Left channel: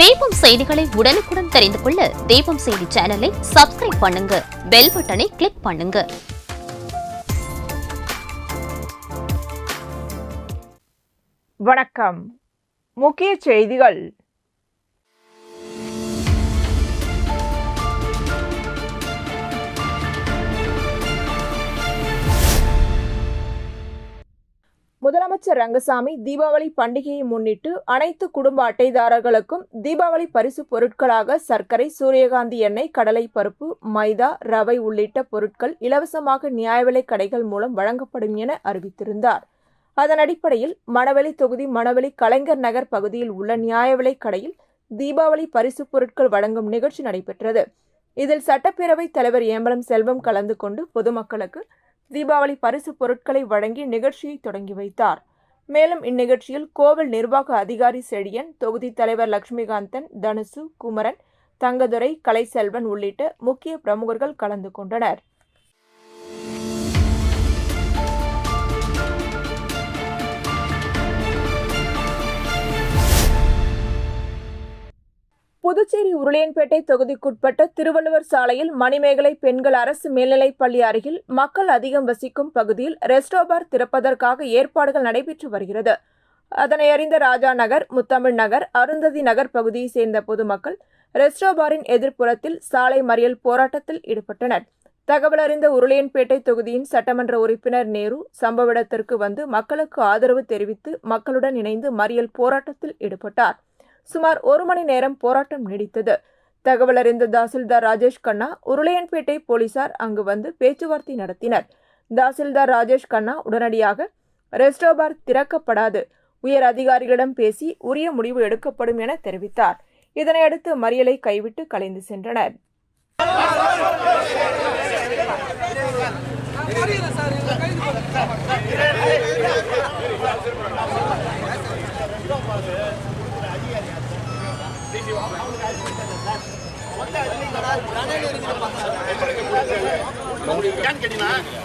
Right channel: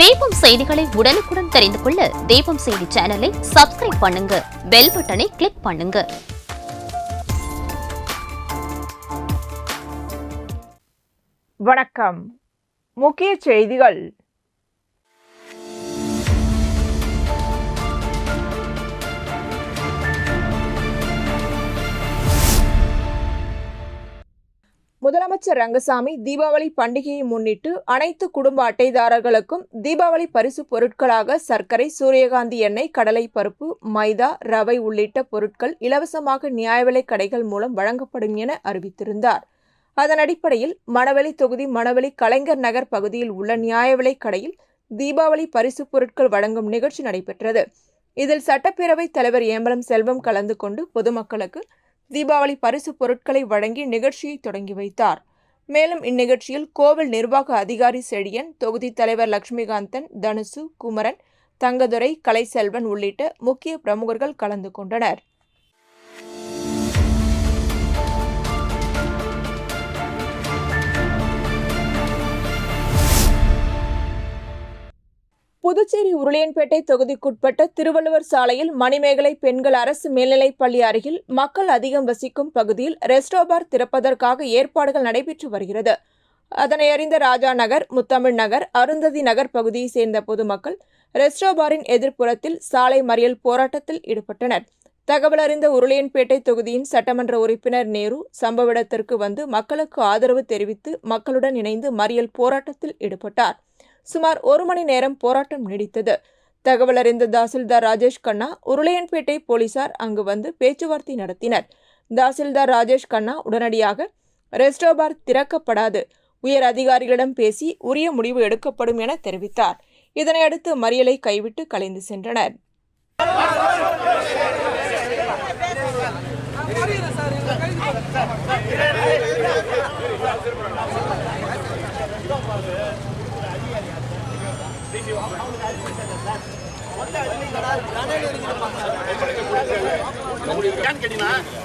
தீபம் செய்திகளை உடனுக்குடன் தெரிந்து கொள்ள தீபம் செய்தி சேனலை சப்ஸ்கிரைப் பண்ணுங்க, பெல் பட்டனை கிளிக் பண்ணுங்க. வணக்கம். முக்கிய செய்திகள். முதலமைச்சர் ரங்கசாமி தீபாவளி பண்டிகையை முன்னிட்டு அனைத்து குடும்ப அட்டைதாரர்களுக்கும் தீபாவளி பரிசு பொருட்களாக சர்க்கரை, சூரியகாந்தி எண்ணெய், கடலை பருப்பு, மைதா, ரவை உள்ளிட்ட பொருட்கள் இலவசமாக நியாய விலைக் கடைகள் மூலம் வழங்கப்படும் என அறிவித்திருந்தார். அதன் அடிப்படையில் மணவெளி தொகுதி மணவெளி கலைஞர் நகர் பகுதியில் உள்ள நியாய விலைக் கடையில் தீபாவளி பரிசு பொருட்கள் வழங்கும் நிகழ்ச்சி நடைபெற்றது. இதில் சட்டப்பேரவைத் தலைவர் ஏம்பலம் செல்வம் கலந்து கொண்டு பொதுமக்களுக்கு தீபாவளி பரிசு பொருட்களை வழங்கி நிகழ்ச்சியை தொடங்கி வைத்தார். மேலும் இந்நிகழ்ச்சியில் கோவில் நிர்வாக அதிகாரி செழியன், தொகுதி தலைவர் லட்சுமிகாந்தன், தனுசு, குமரன், தங்கதுரை, கலைசெல்வன் உள்ளிட்ட முக்கிய பிரமுகர்கள் கலந்து கொண்டனர். புதுச்சேரி உருளையன்பேட்டை தொகுதிக்குட்பட்ட திருவள்ளுவர் சாலையில் மணிமேகலை பெண்கள் அரசு மேல்நிலைப் பள்ளி அருகில் மக்கள் அதிகம் வசிக்கும் பகுதியில் ரெஸ்டோபார் திறப்பதற்காக ஏற்பாடுகள் நடைபெற்று வருகிறது. அதனை அறிந்த ராஜா நகர், முத்தமிழ் நகர், அருந்ததி நகர் பகுதியை சேர்ந்த பொதுமக்கள் ரெஸ்டோபாரின் எதிர்ப்புறத்தில் சாலை மறியல் போராட்டத்தில் ஈடுபட்டனர். தகவல் அறிந்த உருளையன்பேட்டை தொகுதியின் சட்டமன்ற உறுப்பினர் நேரு சம்பவ இடத்திற்கு வந்து மக்களுக்கு ஆதரவு தெரிவித்து மக்களுடன் இணைந்து மறியல் போராட்டத்தில் ஈடுபட்டார். சுமார் 1 மணி நேரம் போராட்டம் நீடித்தது. தகவல் அறிந்த தாசில்தார் ராஜேஷ் கண்ணா, உருளையன்பேட்டை போலீசார் அங்கு வந்து பேச்சுவார்த்தை நடத்தினர். தாசில்தார் ராஜேஷ் கண்ணா உடனடியாக ரெஸ்டோபார் திறக்கப்படாது, உயர் அதிகாரிகளிடம் பேசி உரிய முடிவு எடுக்கப்படும் என தெரிவித்தார். இதனையடுத்து மறியலை கைவிட்டு கலைந்து சென்றனர்.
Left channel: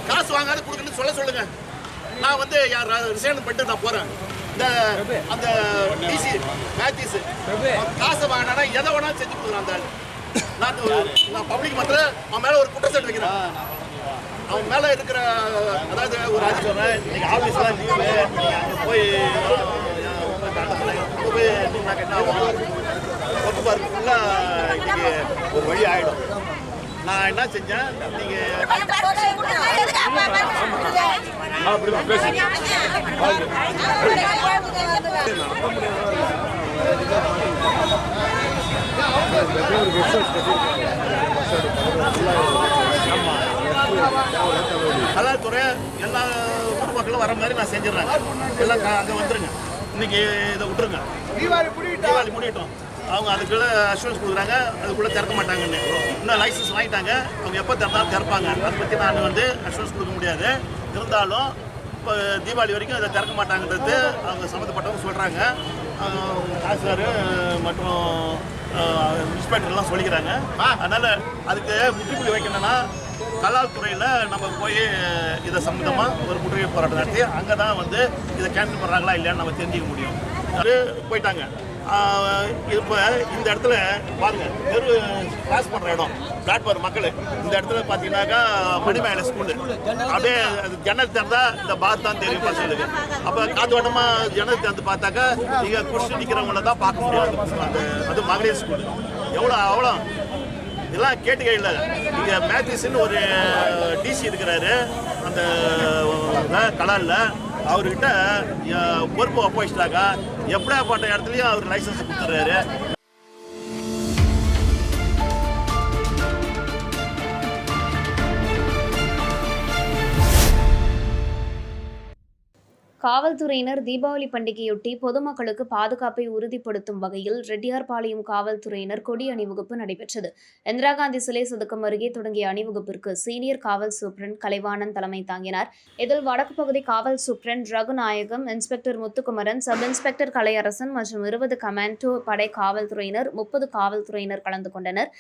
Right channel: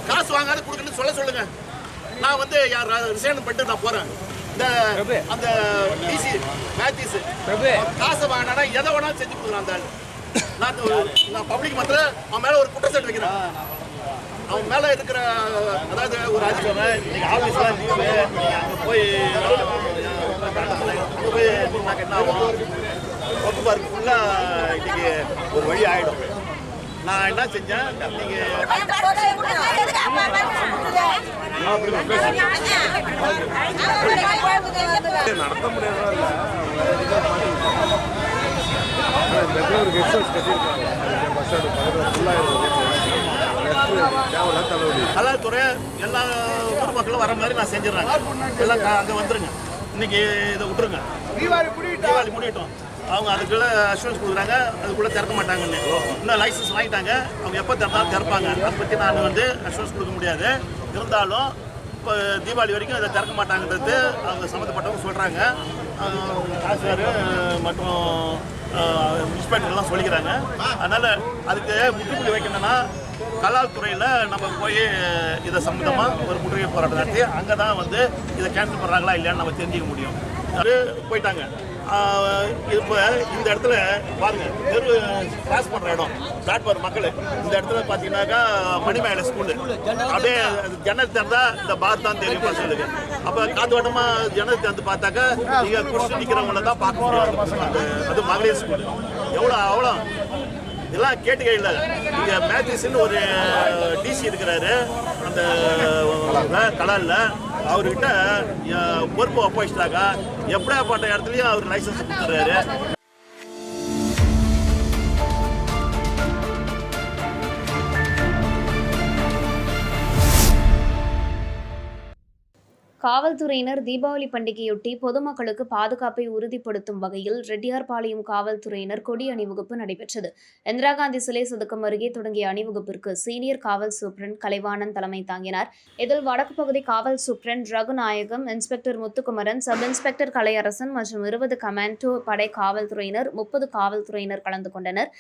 காசு வாங்காத கொடுக்கணும்னு சொல்லுங்க. நான் வந்து ரிசைன் பண்ணிட்டு நான் போறேன். அந்த டிசி மேத்யூஸ் காசை வாங்கினா எதை வேணாலும் செஞ்சு கொடுக்குறான். நான் பப்ளிக் மத்தியில் அவன் மேல ஒரு குற்றச்சாட்டு வைக்கிறேன். அவன் மேல இருக்கிற அதாவது ஒரு அதிகாரி இன்னைக்கு ஆபீஸ்ல போய் என்ன ஆகும், ஒப்பு பார்க்குள்ள இன்னைக்கு ஒரு வழி ஆயிடும். நான் என்ன செஞ்சேன், நீங்க நடத்த முடியாது. கலாத்துறை எல்லா ஊர் மக்களும் வர மாதிரி நான் செஞ்சிடறேன். எல்லாம் அங்கே வந்துருங்க, இன்னைக்கு இதை விட்டுருங்க, தீபாவளி முடியட்டும். அவங்க அதுக்குள்ள அஷூரன்ஸ் கொடுக்குறாங்க, அதுக்குள்ளே திறக்க மாட்டாங்கன்னு. இன்னும் லைசன்ஸ் வாங்கிட்டாங்க, அவங்க எப்போ திறந்தாலும் திறப்பாங்க. அதை பற்றி நான் வந்து அஷூரன்ஸ் கொடுக்க முடியாது. இருந்தாலும் இப்போ தீபாவளி வரைக்கும் இதை திறக்க மாட்டாங்கன்றது அவங்க சம்மந்தப்பட்டவங்க சொல்கிறாங்க. ஆசிரியர் மற்றும் இன்ஸ்பெக்டர்லாம் சொல்லிக்கிறாங்க. அதனால் அதுக்கு முற்றுப்புள்ளி வைக்கணும்னா கலால்துறையில் நம்ம போய் இதை சம்மந்தமாக ஒரு முற்றுகை போராட்டம் நடத்தி அங்கே தான் வந்து இதை கேன்சல் பண்ணுறாங்களா இல்லையான்னு நம்ம தெரிஞ்சிக்க முடியும். அது போயிட்டாங்க. இப்போ இந்த இடத்துல பாருங்கள், தெரு கிராஸ் பண்ணுற இடம் பிளாட்ஃபார்ம் மக்கள் இந்த இடத்துல பார்த்தீங்கன்னாக்கா மணிமேகலை ஸ்கூலு அப்படியே ஜன்னல் திறந்தா இந்த பாத் தான் தெரியும் பசங்களுக்கு. அப்போ காத்தோட்டமாக ஜன்னல் திறந்து பார்த்தாக்கா நீங்கள் குடிச்சு நிற்கிறவங்கள தான் பார்க்க முடியும். அது மகளிர் ஸ்கூலு அவ்வளோ இதெல்லாம் கேட்டுக்கே இல்லை. இங்கே மேத்யூஸ்ன்னு ஒரு டிசி இருக்கிறாரு அந்த கலாலில், அவர்கிட்ட பொறுப்பு ஒப்படைச்சிட்டாக்கா எப்படியாப்பட்ட இடத்துலையும் அவர் லைசன்ஸ் கொடுத்துட்றாரு. காவல்துறையினர் தீபாவளி பண்டிகையொட்டி பொதுமக்களுக்கு பாதுகாப்பை உறுதிப்படுத்தும் வகையில் ரெட்டியார்பாளையம் காவல்துறையினர் கொடி அணிவகுப்பு நடைபெற்றது. இந்திரா காந்தி சிலை சதுக்கம் அருகே தொடங்கிய அணிவகுப்பிற்கு சீனியர் காவல் சூப்பரண்ட் கலைவாணன் தலைமை தாங்கினார். இதில் வடக்கு பகுதி காவல் superintendent Raghunayagam, inspector Muthukumaran, sub inspector Kalaiyarasan மற்றும் 20 கமாண்டோ படை காவல்துறையினர், 30 காவல்துறையினர் கலந்து கொண்டனர்.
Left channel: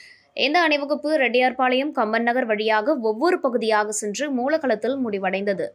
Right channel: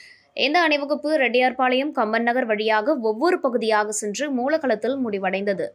இந்த அணிவகுப்பு ரெட்டியார்பாளையம், கம்பன் நகர் வழியாக ஒவ்வொரு பகுதியாக சென்று மூலக்களத்தில் முடிவடைந்தது.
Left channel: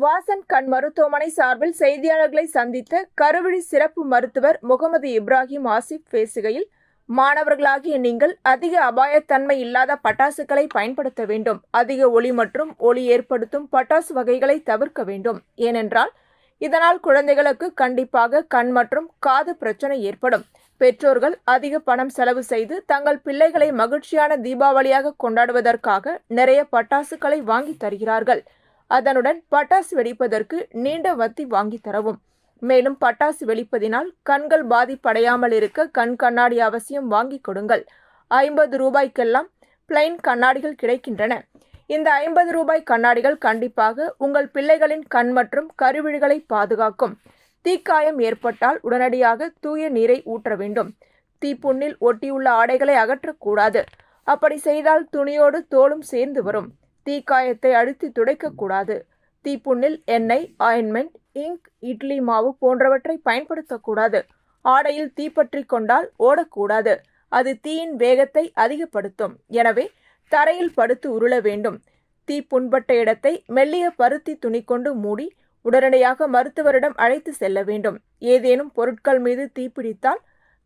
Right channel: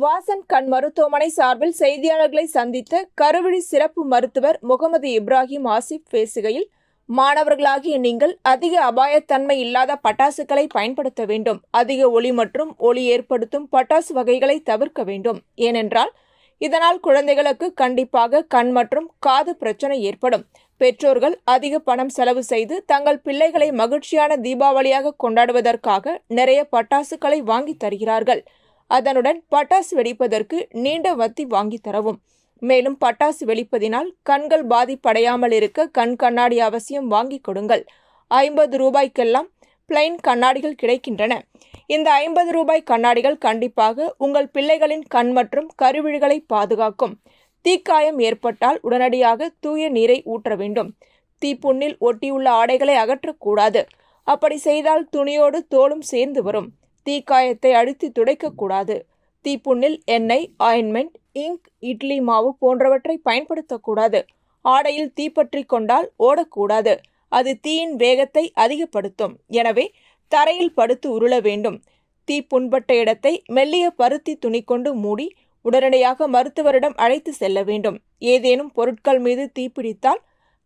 வாசன் கண் மருத்துவமனை சார்பில் செய்தியாளர்களை சந்தித்த கருவிழி சிறப்பு மருத்துவர் முகமது இப்ராஹிம் ஆசிப் பேசுகையில், மாணவர்களாகிய நீங்கள் அதிக அபாயத்தன்மை இல்லாத பட்டாசுகளை பயன்படுத்த வேண்டும். அதிக ஒலி மற்றும் ஒலி ஏற்படுத்தும் பட்டாசு வகைகளை தவிர்க்க வேண்டும். ஏனென்றால் இதனால் குழந்தைகளுக்கு கண்டிப்பாக கண் மற்றும் காது பிரச்சனை ஏற்படும். பெற்றோர்கள் அதிக பணம் செலவு செய்து தங்கள் பிள்ளைகளை மகிழ்ச்சியான தீபாவளியாக கொண்டாடுவதற்காக நிறைய பட்டாசுகளை வாங்கி தருகிறார்கள். அதனுடன் பட்டாசு வெடிப்பதற்கு நீண்ட வத்தி வாங்கி தரவும். மேலும் பட்டாசு வெடிப்பதினால் கண்கள் பாதிப்படையாமல் இருக்க கண் கண்ணாடி அவசியம் வாங்கி கொடுங்கள். 50 ரூபாய்க்கெல்லாம் பிளைன் கண்ணாடிகள் கிடைக்கின்றன. இந்த 50 ரூபாய் கண்ணாடிகள் கண்டிப்பாக உங்கள் பிள்ளைகளின் கண் மற்றும் கருவிழிகளை பாதுகாக்கும். தீக்காயம் ஏற்பட்டால் உடனடியாக தூய நீரை ஊற்ற வேண்டும். தீப்புண்ணில் ஒட்டியுள்ள ஆடைகளை அகற்றக்கூடாது. அப்படி செய்தால் துணியோடு தோலும் சேர்ந்து வரும். தீக்காயத்தை அழுத்தி துடைக்கக்கூடாது. தீப்புண்ணில் எண்ணெய், ஆயின்மெண்ட், இங்க், இட்லி மாவு போன்றவற்றை பயன்படுத்தக்கூடாது. ஆடையில் தீப்பற்றி கொண்டால் ஓடக்கூடாது. அது தீயின் வேகத்தை அதிகப்படுத்தும். எனவே தரையில் படுத்து உருள வேண்டும். தீ புண்பட்ட இடத்தை மெல்லிய பருத்தி துணி கொண்டு மூடி உடனடியாக மருத்துவரிடம் அழைத்து செல்ல வேண்டும். ஏதேனும் பொருட்கள் மீது தீப்பிடித்தால்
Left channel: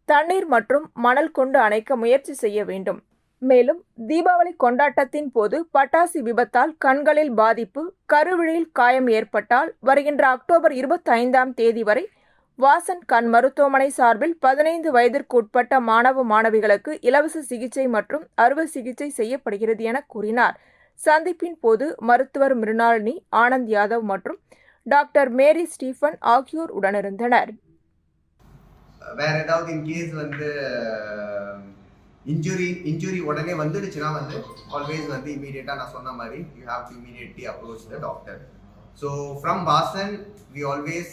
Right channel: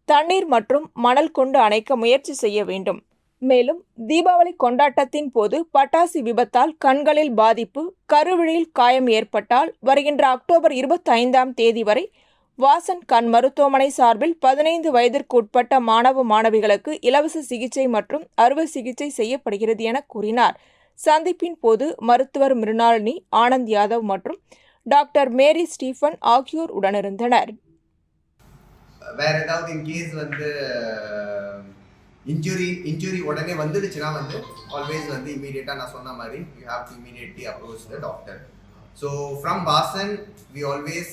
தண்ணீர் மற்றும் மணல் கொண்டு அணைக்க முயற்சி செய்ய வேண்டும். மேலும் தீபாவளி கொண்டாட்டத்தின் போது பட்டாசு விபத்தால் கண்களில் பாதிப்பு, கருவிழியில் காயம் ஏற்பட்டால் வருகின்ற அக்டோபர் 25ஆம் தேதி வரை வாசன் கண் மருத்துவமனை சார்பில் 15 வயதிற்கு உட்பட்ட மாணவ மாணவிகளுக்கு இலவச சிகிச்சை மற்றும் அறுவை சிகிச்சை செய்யப்படுகிறது என கூறினார். சந்திப்பின் போது மருத்துவர் மிருணாளினி, ஆனந்த் யாதவ் மற்றும் டாக்டர் மேரி ஸ்டீஃபன் ஆகியோர் உடனிருந்தனர். வேற ஏதாவது இன்கேஸ் இன்ஜுரி உடனே வந்துடுச்சுன்னா ஆல்வேஸ் இமீடியட்டாக நான் சொன்ன மாதிரி you have to immediately approach the doctor. So from Vasan we always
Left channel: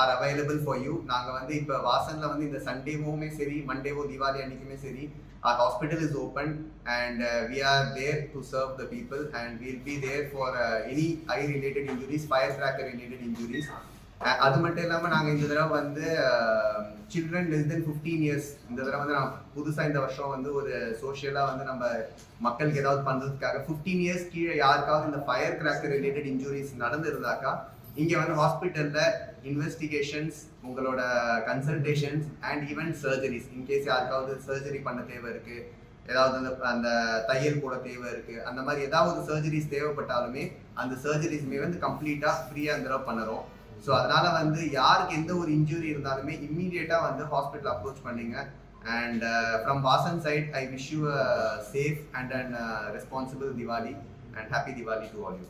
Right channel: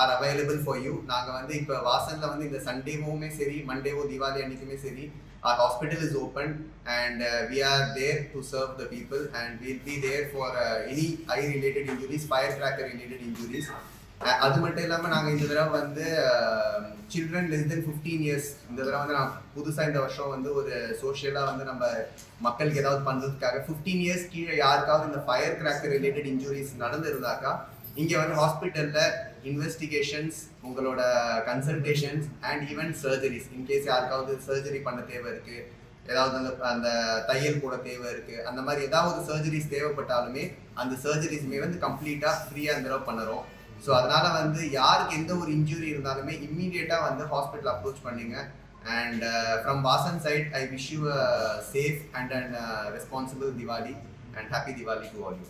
are available for you. நாங்கள் இப்போ வாசனில் இந்த சண்டேவுமே சரி, மண்டேவோ, தீபாவளி அன்னைக்குமே சரி, our hospital is open and we are there to serve the people and we'll be there for any eye related injuries, firecracker related injuries. அது மட்டும் இல்லாமல் நாங்கள் இந்த தடவை சில்ட்ரன் less than 15 years இந்த தடவை நான் புதுசாக இந்த வருஷம் ஒரு சோஷியலாக நம்ம மக்களுக்கு ஏதாவது பண்ணுறதுக்காக 15 years கீழே யாருக்காவது இந்த ஃபயர் கிராக்கர் ரிலேட்டட் இன்ஜுரிஸ் நடந்திருந்தாக்கா இங்கே ஹாஸ்பிட்டலில் இன்வெஸ்டிகேஷன்ஸ், உங்களோட consultations and even surgeries. In case யாருக்காவது சர்ஜரி பண்ண தேவை இருக்குது, ஏதாவது அந்த தையல் கூட தேவை இருக்குது, அந்த மாதிரி ஏதாவது சர்ஜரிஸ் தேவைப்பட்டாலுமே அந்த சர்ஜரிஸ்மே கம்ப்ளீட்டாக ஃப்ரீயாக இந்த தடவை பண்ணுறோம். ஸோ அதனால் யாருக்கு எந்த ஒரு இன்ஜுரி இருந்தாலுமே இம்மீடியட்டாக ஹாஸ்பிட்டல் அப்ரோச் பண்ணுங்க. And from Vasan side I wish you a safe and and responsible Diwali and happy Diwali to all you.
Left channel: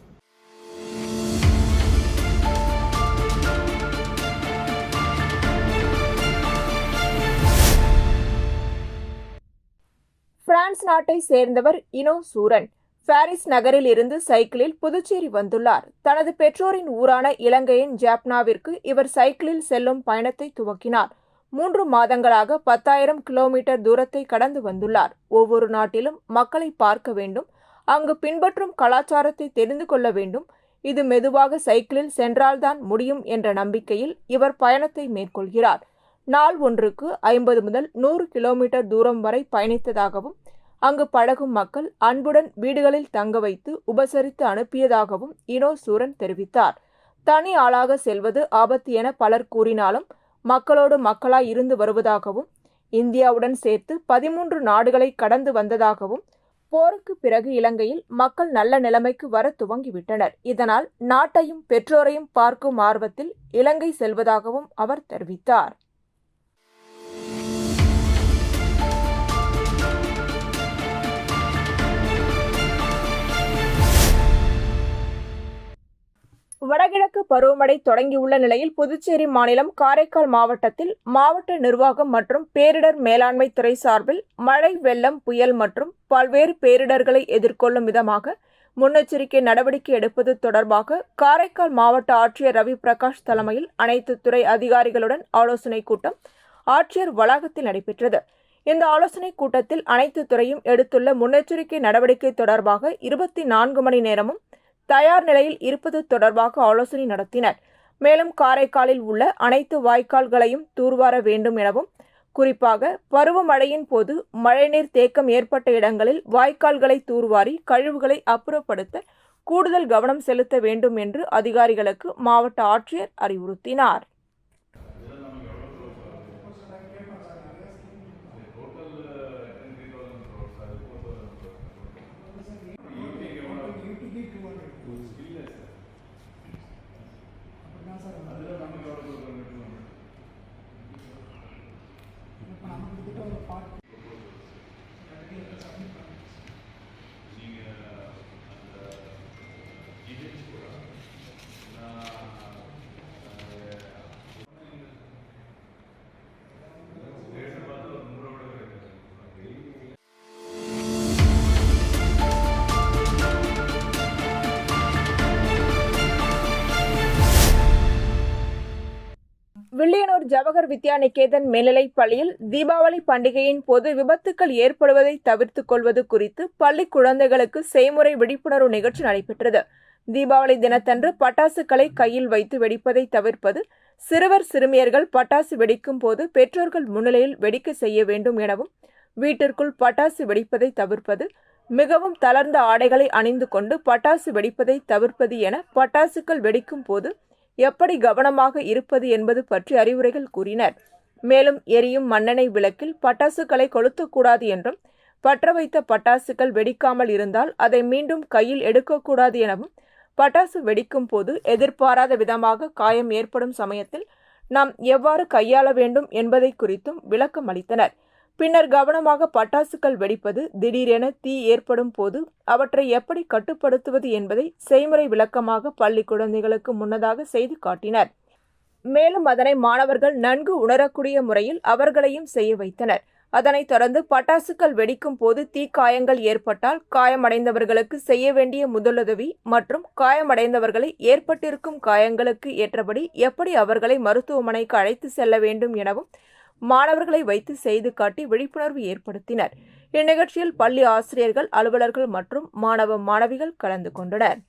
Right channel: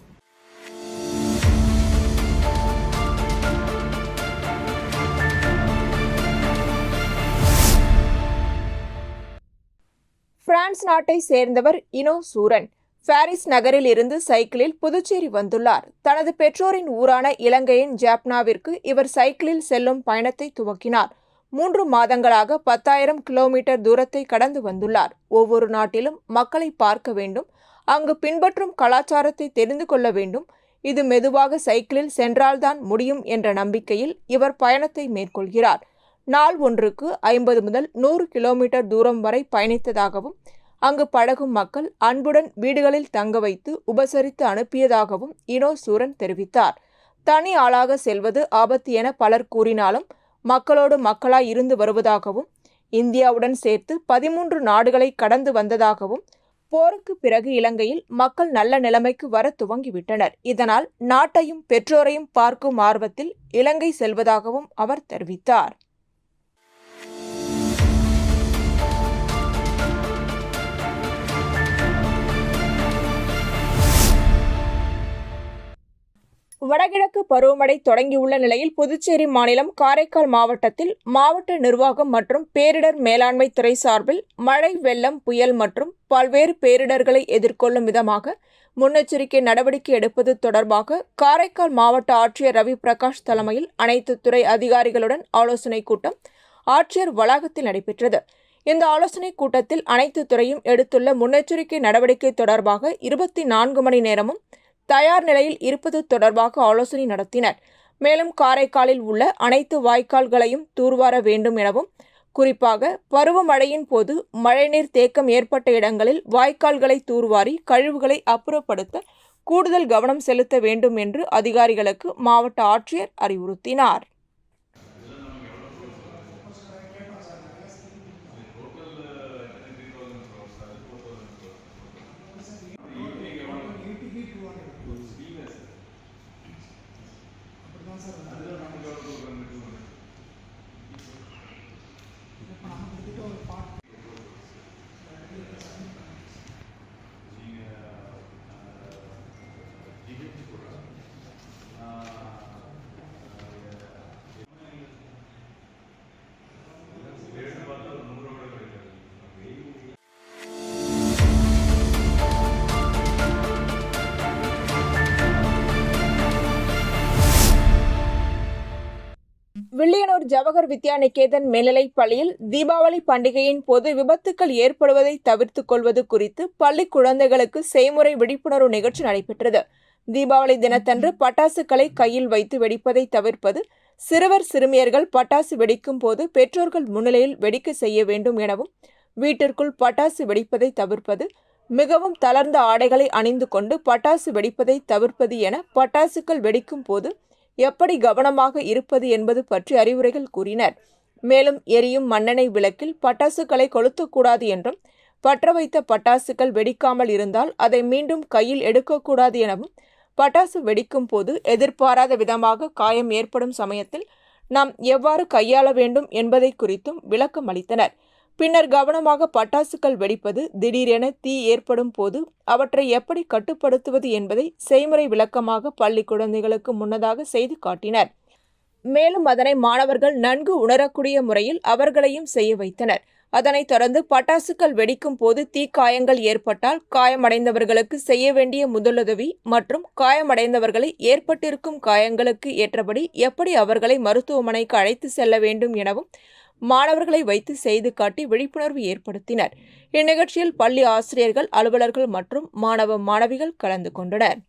France நாட்டை சேர்ந்தவர் இனோ சூரன் பாரிஸ் நகரில் இருந்து சைக்கிளில் புதுச்சேரி வந்துள்ளார். தனது பெற்றோரின் ஊரான இலங்கையின் ஜாப்னாவிற்கு இவர் சைக்கிளில் செல்லும் பயணத்தை துவக்கினார். 3 மாதங்களாக 10,000 கிலோமீட்டர் தூரத்தை கடந்து வந்துள்ளார். ஒவ்வொரு நாட்டிலும் மக்களை பார்க்க வேண்டும், அங்கு பின்பற்றும் கலாச்சாரத்தை தெரிந்து கொள்ள வேண்டும். இது மெதுவாக சைக்கிளில் சென்றால்தான் முடியும் என்ற நம்பிக்கையில் இவர் பயணத்தை மேற்கொள்கிறார். நாள் ஒன்றுக்கு 50 முதல் 100 கிலோமீட்டர் தூரம் வரை பயணித்ததாகவும் அங்கு பழகும் மக்கள் அன்புடன் வீடுகளில் தங்க வைத்து உபசரித்து அனுப்பியதாகவும் இனோ சூரன் தெரிவித்தார். தனி ஆளாக செல்வது ஆபத்து என பலர் கூறினாலும் மக்களோடு மக்களாய் இருந்து வருவதாகவும், இந்தியாவுடன் சேர்த்து 13 நாடுகளை கடந்து வந்ததாகவும், போருக்கு பிறகு இலங்கையில் மக்கள் நல்ல நிலைமைக்கு வர துவங்கிவிட்டனர். இதனால் நாட்டையும் பெற்றோரையும் பார்க்கும் ஆர்வத்தில் இலங்கை செல்வதாகவும் அவர் தெரிவித்தார். வடகிழக்கு பருவமழை தொடங்கியுள்ள நிலையில் புதுச்சேரி மாநிலம் காரைக்கால் மாவட்டத்தில் மாவட்ட நிர்வாகம் மற்றும் பேரிடர் மேலாண்மை துறை சார்பில் மழை, வெள்ளம், புயல் மற்றும் பல்வேறு பேரிடர்களை எதிர்கொள்ளும் விதமாக முன்னெச்சரிக்கை நடவடிக்கை எடுப்பது தொடர்பாக காரைக்கால் மாவட்ட ஆட்சியர் ரவி பிரகாஷ் தலைமையில் அனைத்து துறை அதிகாரிகளுடன் ஆலோசனைக் கூட்டம் ஆட்சியர் வளாகத்தில் நடைபெற்றது. இந்த ஆலோசனைக் கூட்டத்தில் அனைத்து துறையும் எடுத்துள்ள முன்னெச்சரிக்கை நடவடிக்கை தொடர்பாக 24 மணி நேரமும் தயார் நிலையில் இருப்பது தொடர்பாக ஆலோசனை நடத்தினர். மேலும் காரைக்காலில் உள்ள அனைத்து வாய்க்கால்களையும் தூர்வார வேண்டும் எனவும், குறிப்பாக பருவமழையின் போது மழைநீர் தேக்கம் ஏற்பட்ட இடங்களில் வாய்க்கால்களை தூர்வாரி கழிவுகளை அப்புறப்படுத்த கூடுதல் கவனம் செலுத்த வேண்டும் என்று அதிகாரிகளுக்கு மாவட்ட ஆட்சியர் அறிவுறுத்தினார். வில்லியனூர் ஜவஹர் வித்யா நிகேதன் மேல்நிலைப் பள்ளியில் தீபாவளி பண்டிகையின் போது விபத்துக்கள் ஏற்படுவதை தவிர்த்துக் கொள்வது குறித்து பள்ளி குழந்தைகளுக்கு செய்முறை விழிப்புணர்வு நிகழ்ச்சி நடைபெற்றது. தீபாவளி தினத்தன்று பட்டாசுகளை கையில் வைத்து வெடிப்பதை தவிர்ப்பது, சிறுவர் சிறுமியர்கள் பட்டாசு வெடிக்கும் போது பெற்றோர்கள் முன்னிலையில் வெடிக்க செய்ய வேண்டும் எனவும், வீட்டிற்குள் பட்டாசு வெடிப்பதை தவிர்ப்பது, மிகவும் தளர்ந்த ஆடைகளை அணிந்து கொண்டு பட்டாசு வெடிப்பதை தவிர்ப்பது என பட்டாசுகள் வெடிக்கும் போது எப்படி கவனமாக இருப்பது என்பது பற்றி அறிவுரைகள் கூறினர். மேலும் எரியும் மண்ணெண்ணெய் விளக்கில் பட்டாசுகளை கொளுத்தக்கூடாது என்றும், பற்ற வைத்த பட்டாசுகள் வெடிக்காமல் இருந்தால் அதை மீண்டும் கையில் எடுக்கக்கூடாது எனவும், பட்டாசு வெடிக்கும் போது எதிர்பாராத விதமாக காயம் ஏற்படும் சமயத்தில் நாம் எவ்வாறு கையாள வேண்டும் என்பதை குறித்தும் விளக்கம் அளித்தனர். பின்னர் கவனமாக பட்டாசுகள் வெடிப்பது, திடீரென தீ ஏற்படும் போது அவற்றை எப்படி கட்டுப்படுத்துவது என்பதை செய்முறை விளக்கமாக பள்ளி குழந்தைகளுக்கு முன்னதாக செய்து காட்டினர். மேலும் அதனை மாணவர்கள் நன்கு உணரக்கூடிய முறையில் அவர்களையும் செய்ய வைத்தனர். அதனைத் தொடர்ந்து பட்டாசுகள் வெடிக்கும் போது தீக்காயங்கள் ஏற்பட்டால் காயமடைந்தவர்களுக்கு செய்ய வேண்டிய முதலுதவி மற்றும் காயமடைந்தவர்களை ஏற்பட்டிருக்கும் காயங்களுக்கு ஏற்றபடி எப்படி அவர்களை மருத்துவமனைக்கு அழைத்து செல்ல வேண்டும் எனவும் மாணவர்களை வைத்து செய்து காட்டி விழிப்புணர்வு ஏற்படுத்தினர். இந்நிகழ்ச்சியில் பள்ளி ஆசிரியர்கள், அலுவலர்கள் மற்றும் மாணவ மாணவிகள் கலந்து கொண்டனர்.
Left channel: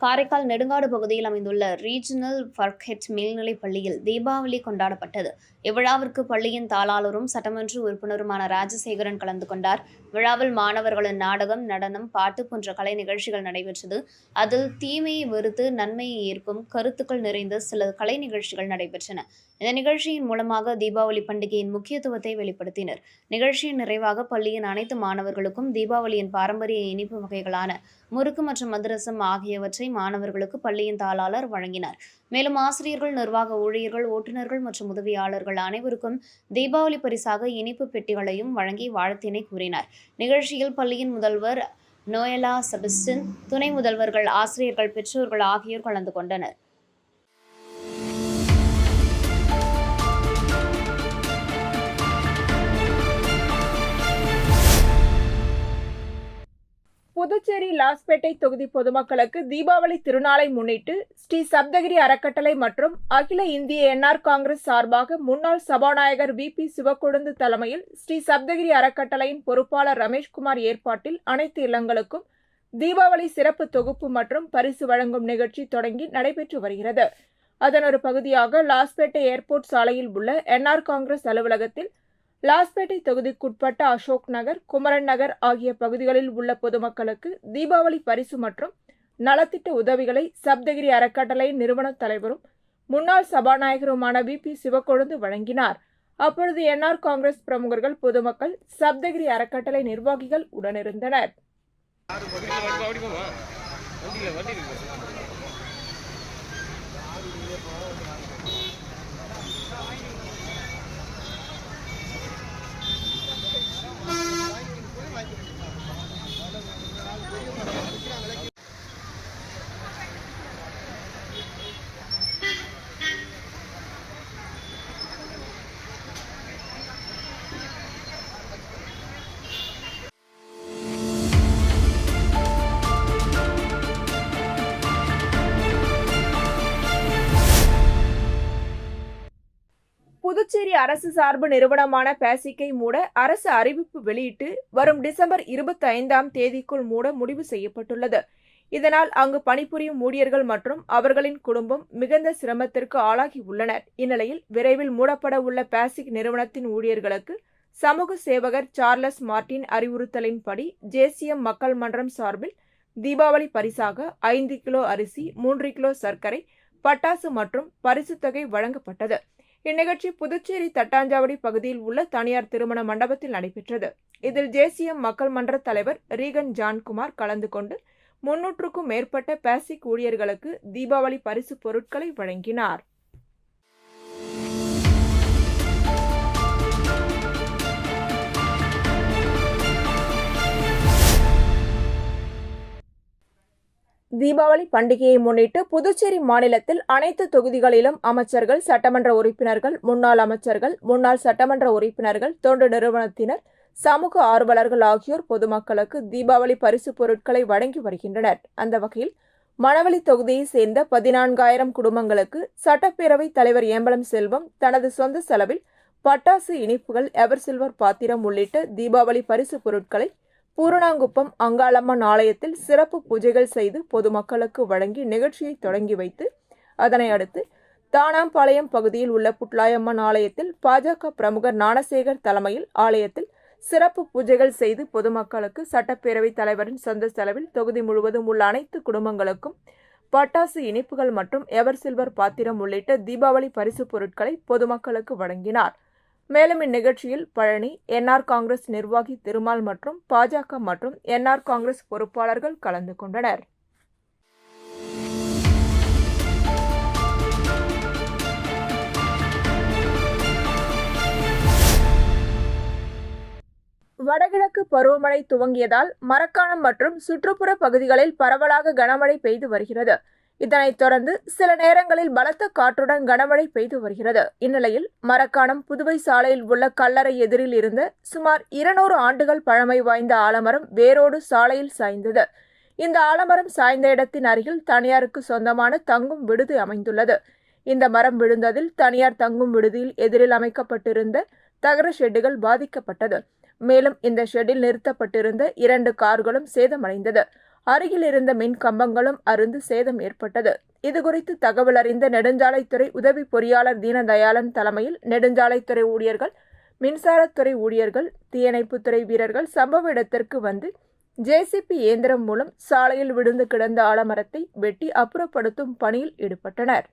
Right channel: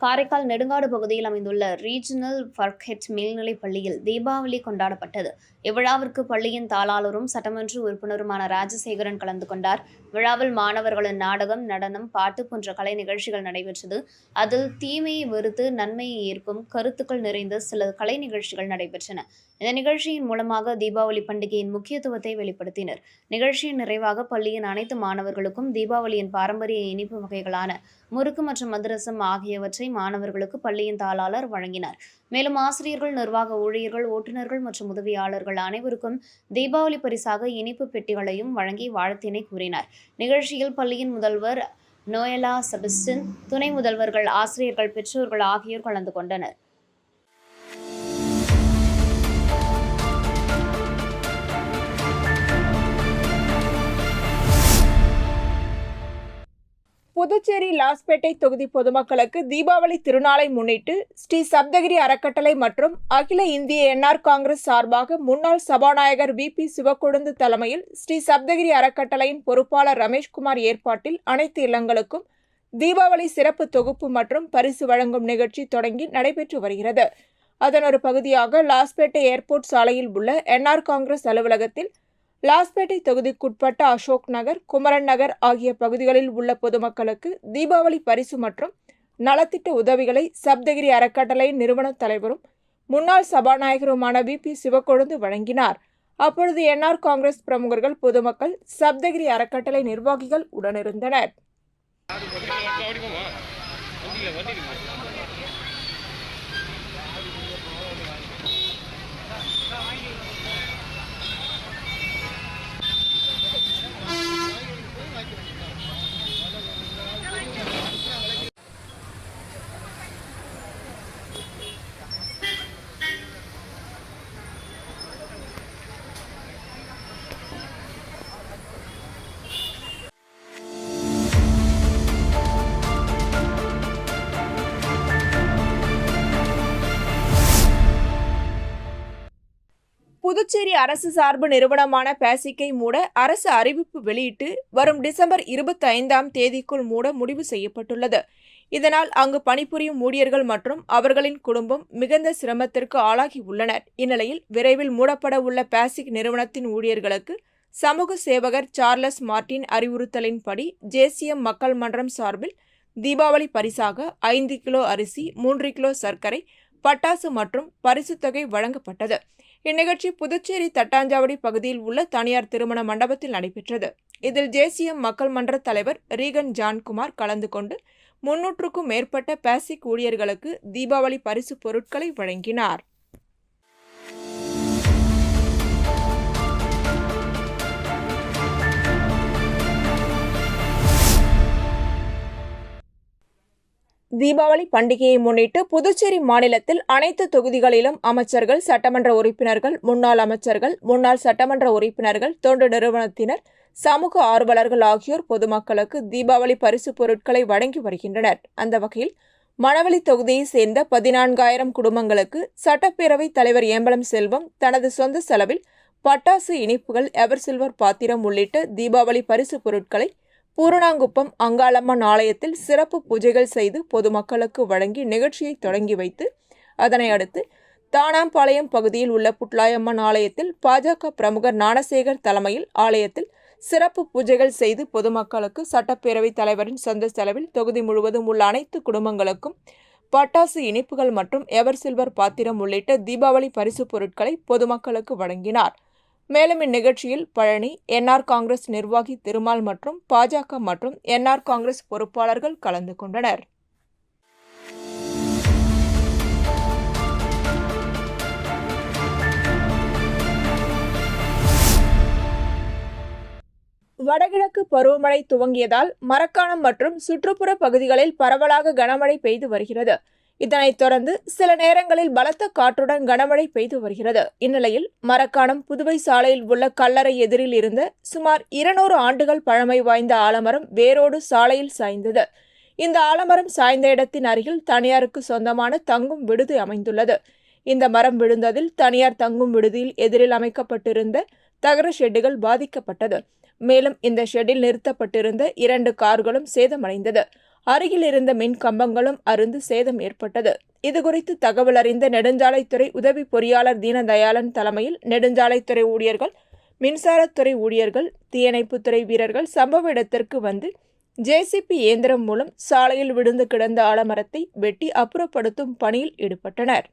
காரைக்கால் நெடுங்காடு பகுதியில் அமைந்துள்ள ரீஜனல் ஃபர்கெட் மேல்நிலைப் பள்ளியில் தீபாவளி கொண்டாடப்பட்டது. இவ்விழாவிற்கு பள்ளியின் தாளாளரும் சட்டமன்ற உறுப்பினருமான ராஜசேகரன் கலந்து கொண்டார். விழாவில் மாணவர்களின் நாடகம், நடனம், பாட்டு போன்ற கலை நிகழ்ச்சிகள் நடைபெற்றது. அதில் தீமையை வெறுத்து நன்மையை ஏற்கும் கருத்துக்கள் நிறைந்த சில கலை நிகழ்ச்சிகள் நடைபெற்றன. இந்த நிகழ்ச்சியின் மூலமாக தீபாவளி பண்டிகையின் முக்கியத்துவத்தை வெளிப்படுத்தினர். நிகழ்ச்சியின் நிறைவாக பள்ளியின் அனைத்து மாணவர்களுக்கும் தீபாவளியின் பாரம்பரிய இனிப்பு வகைகளான முறுக்கு மற்றும் அதிரசம் ஆகியவற்றை மாணவர்களுக்கு பள்ளியின் தாளாளர் வழங்கினார். மேலும் ஆசிரியர்கள், நிர்வாக ஊழியர்கள், ஓட்டுநர்கள் மற்றும் உதவியாளர்கள் அனைவருக்கும் தீபாவளி பரிசாக இனிப்பு பெட்டிகளையும் வழங்கி வாழ்த்தினை கூறினார். நிகழ்ச்சியில் பள்ளியின் முதல்வர் நோயலா செபஸ்டின், துணை முதல்வர்கள், ஆசிரியர்கள், பெற்றோர்கள் ஆகியோர் கலந்து கொண்டனர். புதுச்சேரி லாஸ்பேட்டை தொகுதி பொதுமக்களுக்கு தீபாவளி திருநாளை முன்னிட்டு ஸ்ரீ சப்தகிரி அறக்கட்டளை மற்றும் அகில இந்திய என்ஆர் காங்கிரஸ் சார்பாக முன்னாள் சபாநாயகர் VP சிவக்கொழுந்து தலைமையில் ஸ்ரீ சப்தகிரி அறக்கட்டளையின் பொறுப்பாளர் ரமேஷ்குமார் ஏற்பாட்டில் அனைத்து இல்லங்களுக்கும் தீபாவளி சிறப்பு தொகுப்பு மற்றும் பரிசு வழங்கும் நிகழ்ச்சி தொடங்கி நடைபெற்று வருகிறது. அதன் ஒரு பகுதியாக லாஸ்பேட்டை ஏர்போர்ட் சாலையில் உள்ள என்ஆர் காங்கிரஸ் அலுவலகத்தில் லாஸ்பேட்டை தொகுதிக்குட்பட்ட அசோக் நகர், குமரன் நகர் ஆகிய பகுதிகளில் உள்ள பொதுமக்களுக்கு தீபாவளி பரிசு மற்றும் நலத்திட்ட உதவிகளை சப்தகிரி அறக்கட்டளையின் நிறுவன தலைவரும் முன்னாள் சபாநாயகருமான VP சிவக்கொழுந்து வழங்கினார். அப்பொழுது என்ஆர் காங்கிரஸ் பிரமுகர்கள், பொதுமக்கள், சப்தகிரி அறக்கட்டளை நிர்வாகிகள் உடனிருந்தனர். புதுச்சேரி அரசு சார்பு நிறுவனமான பேசிக்கை மூட அரசு அறிவிப்பு வெளியிட்டு வரும் டிசம்பர் 25ஆம் தேதிக்குள் மூட முடிவு செய்யப்பட்டுள்ளது. இதனால் அங்கு பணிபுரியும் ஊழியர்கள் மற்றும் அவர்களின் குடும்பம் மிகுந்த சிரமத்திற்கு ஆளாகி உள்ளனர். இந்நிலையில் விரைவில் மூடப்பட உள்ள பேசிக் நிறுவனத்தின் ஊழியர்களுக்கு சமூக சேவகர் சார்லஸ் மார்டின் அறிவுறுத்தலின்படி ஜேசிஎம் மக்கள் மன்றம் சார்பில் தீபாவளி பரிசாக 5 கிலோ அரிசி, 3 கிலோ சர்க்கரை, பட்டாசு மற்றும் பரிசுத் தொகை வழங்கப்பட்டது. இந்நிகழ்ச்சி புதுச்சேரி தட்டாஞ்சாவடி பகுதியில் உள்ள தனியார் திருமண மண்டபத்தில் நடைபெற்றது. இதில் ஜேசிஎம் மக்கள் மன்ற தலைவர் ரீகன் ஜான்குமார் கலந்து கொண்டு 300க்கும் மேற்பட்ட பேசிக் ஊழியர்களுக்கு தீபாவளி பரிசு பொருட்களை வழங்கினார். தீபாவளி பண்டிகையை முன்னிட்டு புதுச்சேரி மாநிலத்தில் அனைத்து தொகுதிகளிலும் அமைச்சர்கள், சட்டமன்ற உறுப்பினர்கள், முன்னாள் அமைச்சர்கள், முன்னாள் சட்டமன்ற உறுப்பினர்கள், தொண்டு நிறுவனத்தினர், சமூக ஆர்வலர்கள் ஆகியோர் பொதுமக்களுக்கு தீபாவளி பரிசு பொருட்களை வழங்கி வருகின்றனர். அந்த வகையில் மணவெளி தொகுதியை சேர்ந்த 14,000 குடும்பங்களுக்கு சட்டப்பேரவைத் தலைவர் ஏம்பலம் செல்வம் தனது சொந்த செலவில் பட்டாசு, இனிப்புகள், எவர் சில்வர் பாத்திரம் உள்ளிட்ட தீபாவளி பரிசு பொருட்களை பூரணாங்குப்பம் அங்காளம்மன் ஆலயத்தில் சிறப்பு பூஜைகள் செய்து பொதுமக்களுக்கு வழங்கி நிகழ்ச்சியை தொடங்கி வைத்து அதனை அடுத்து தானாம்பாளையம் பகுதியில் உள்ள புட்லாயம்மன் ஆலயத்தில் பாஜக பிரமுகர் ஞானசேகர் தலைமையில் ஆலயத்தில் சிறப்பு பூஜைகள் செய்து பொதுமக்களுக்கு சட்டப்பேரவைத் தலைவரின் சொந்த செலவில் தொகுதி முழுவதும் உள்ள அனைத்து குடும்பங்களுக்கும் பட்டாசு, இனிப்புகள் மற்றும் எவர் சில்வர் பாத்திரம் உள்ளிட்ட தீபாவளி பரிசு பொருட்களை பொதுமக்களுக்கு வழங்கினார். மேலும் இந்நிகழ்ச்சியில் பழனி, என்ஆர் காங்கிரஸ் நிர்வாகி திருமால் மற்றும் பாஜக மற்றும் என்ஆர் காங்கிரஸ் பொறுப்பாளர்கள் கலந்து கொண்டனர். வடகிழக்கு பருவமழை துவங்கியதால் மரக்காணம் மற்றும் சுற்றுப்புற பகுதிகளில் பரவலாக கனமழை பெய்து வருகிறது. இதனைத் தொடர்ந்து சில நேரங்களில் பலத்த காற்றுடன் கனமழை பெய்து வருகிறது. இந்நிலையில் மரக்காணம் புதுவை சாலையில் உள்ள கல்லறை எதிரில் இருந்த சுமார் 200 ஆண்டுகள் பழமை வாய்ந்த ஆலமரம் வேரோடு சாலையில் சாய்ந்தது. இந்த ஆலமரம் சாய்ந்த இடத்தின் அருகில் தனியாருக்கு சொந்தமான தங்கும் விடுதி அமைந்துள்ளது. இந்த மரம் விழுந்ததில் தனியார் தங்கும் விடுதியில் எதிரில் அமைக்கப்பட்டிருந்த தகர ஷெட்டுகள் பாதிக்கப்பட்டது. மேலும் இந்த ஷெட்டில் நிறுத்தப்பட்டிருந்த 2 கார்களும் சேதமடைந்தது. அருகில் இருந்த மின் கம்பங்களும் அருந்து சேதம் ஏற்பட்டது. இதுகுறித்து தகவல் அறிந்த நெடுஞ்சாலைத்துறை உதவி பொறியாளர் தீனதயாளன் தலைமையில் நெடுஞ்சாலைத்துறை ஊழியர்கள், மின்சாரத்துறை ஊழியர்கள், தீயணைப்புத்துறை வீரர்கள் சம்பவ இடத்திற்கு வந்து ஜேசிபி இயந்திரம் மூலம் சாலையில் விழுந்து கிடந்த ஆலமரத்தை வெட்டி அப்புறப்படுத்தும் பணியில் ஈடுபட்டனர்.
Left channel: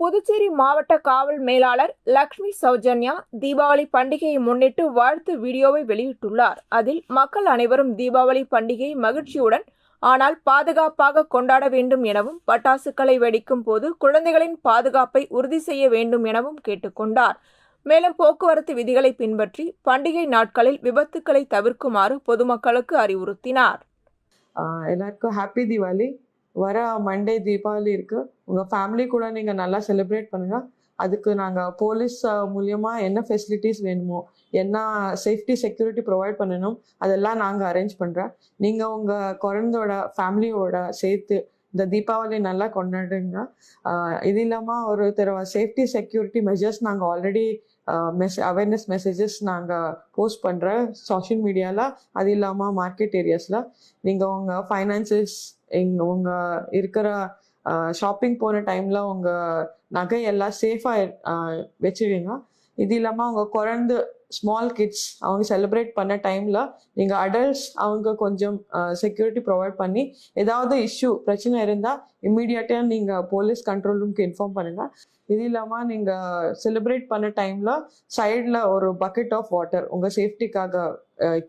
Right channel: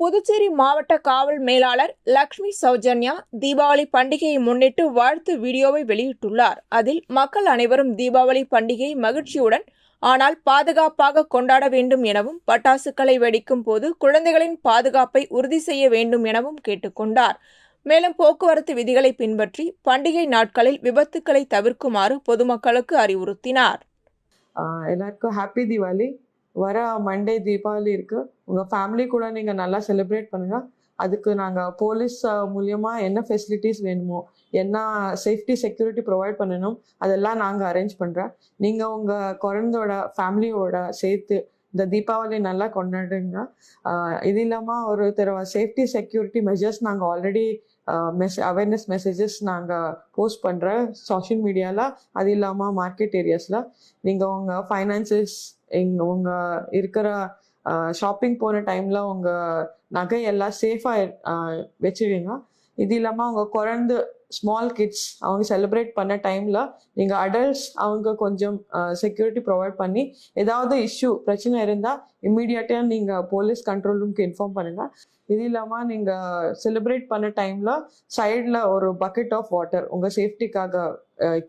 புதுச்சேரி மாவட்ட காவல் மேலாளர் லக்ஷ்மி சௌஜன்யா தீபாவளி பண்டிகையை முன்னிட்டு வாழ்த்து வீடியோவை வெளியிட்டுள்ளார். அதில் மக்கள் அனைவரும் தீபாவளி பண்டிகையை மகிழ்ச்சியுடன் ஆனால் பாதுகாப்பாக கொண்டாட வேண்டும் எனவும், பட்டாசுகளை வெடிக்கும் போது குழந்தைகளின் பாதுகாப்பை உறுதி செய்ய வேண்டும் எனவும் கேட்டுக்கொண்டார். மேலும் போக்குவரத்து விதிகளை பின்பற்றி பண்டிகை நாட்களில் விபத்துக்களை தவிர்க்குமாறு பொதுமக்களுக்கு அறிவுறுத்தினார். எல்லாருக்கும் ஹாப்பி தீபாவளி. வர மண்டே தீபாவளி இருக்கு. உங்கள் ஃபேமிலி கூட நீங்கள் நல்லா செலிப்ரேட் பண்ணுங்க. அதுக்கு நாங்கள் போலீஸ் மூலியமாக என்ன ஃபெசிலிட்டிஸ் வேணுமோ, என்ன சேஃப்டி செக்யூரிட்டி ப்ரொவைட் பண்ணணும், அதெல்லாம் நாங்கள் அரேஞ்ச் பண்ணுறேன். நீங்கள் உங்கள் குழந்தையோட ஃபேமிலியோட சேர்த்து இந்த தீபாவளி நல்லா கொண்டாடுங்க. இது இல்லாமல் ஒரு சேஃப்டி செக்யூரிட்டி மெஷர்ஸ் நாங்கள் ஆல்ரெடி அவேர்னஸ் மெசேஜஸ் நாங்கள் போஸ்ட் பண்ணுறேன் சோஷியல் மீடியாவில். அது இல்லாமல் மார்க்கெட் ஏரியாஸில் நீங்கள் உங்கள் ஃபைனான்சஸ், உங்கள் இருக்கிற ஷாப்பிங் போன டைமில் உங்கள் நகையெல்லாம் சேஃபாக வச்சுடுங்க. இது இல்லாமல் அவங்க குழந்தை ஸ்மால் கிட்ஸ் அவங்க செலிப்ரேட் பண்ண டைமில் நீங்கள் அடல்ட்ஸ் அவங்க கொஞ்சம் செக்யூரிட்டி ப்ரொவைட் பண்ணி ஏதாவது பிரச்சனை இருந்தால் இம்மீடியட்டாக நீங்கள் போலீஸ் கண்ட்ரோல் ரூம்க்கு இன்ஃபார்ம் பண்ணுங்கள். இது இல்லாமல் நீங்கள் செலிப்ரேட் பண்ண டைமில் சைடில் ஒரு பக்கெட் ஆஃப் வாட்டர் உங்கள் சேஃப்டிக்காக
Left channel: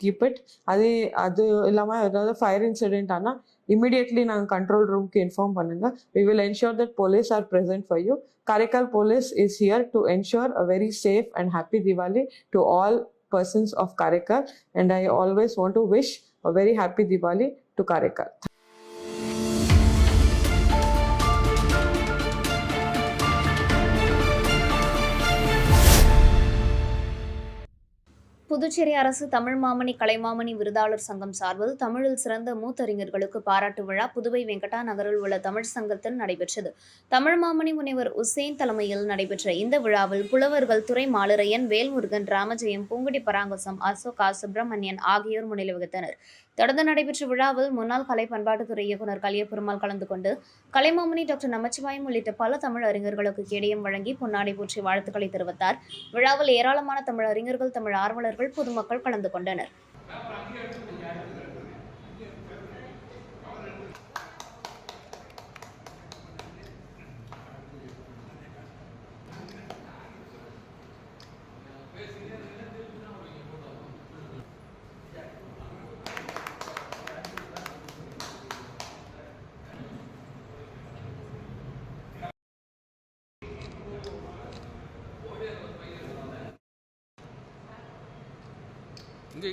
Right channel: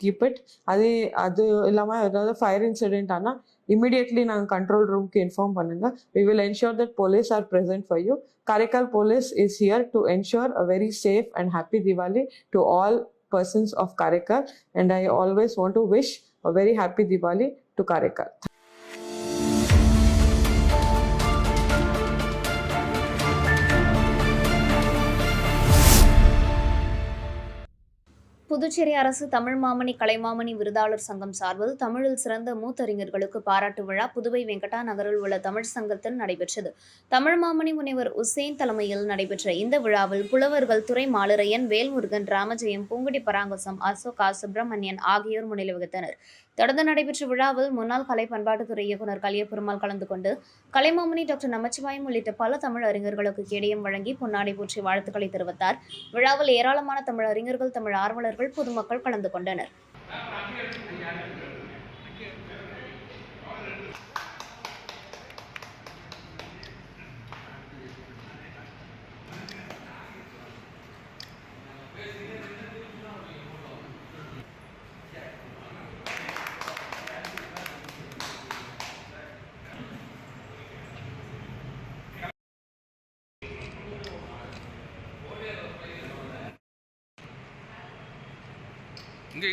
கீப் இட். அது இல்லாமல் ஏதாவது ஃபயர் இன்சிடென்ட் ஆனால் immediately நாங்கள் கண்ட்ரோல் ரூம்க்கு இன்ஃபார்ம் பண்ணுங்க. We will ensure that police are present for you. Karaikal police is here to ensure a very safe and happy Diwali to all persons of Karaikal, and I always want to wish a very happy Diwali to Karaikal. Puducherry அரசு தமிழ் மாமணி கலைமாமணி விருதாளர் சங்கம் சார்பில் தமிழில் சிறந்த மூத்தறிஞர்களுக்கு பாராட்டு விழா புதுவை வெங்கடா நகரில் உள்ள தமிழ் சங்கத்தில் நடைபெற்றது. தமிழ் மாமணி முனைவர் உசேன் தலைமையில் நடைபெற்ற இந்த விழாவில் புலவர்கள் துரை மாலுரையன், வேல்முருகன், ராமஜெயம், பூங்குடி பராங்கசம், அசோகா, சுப்பிரமணியன் ஆகியோர் முன்னிலை வகித்தனர். தொடர்ந்து நடைபெற்ற விழாவில் முன்னாள் கலை பண்பாட்டுத்துறை இயக்குநர் கலியபெருமாள் கலந்து கொண்டு கலைமாமணி டாக்டர் நமச்சிவாயம் உள்ளிட்ட பல தமிழ் அறிஞர்களுக்கு கேடயம் வழங்கி பொன்னாடை போற்றி வாழ்த்துக்களை தெரிவித்தார். விழாவில் ஏராளமான தமிழ் அறிஞர்கள், தமிழ் ஆர்வலர்கள், பொதுமக்கள் கலந்து கொண்டனர்.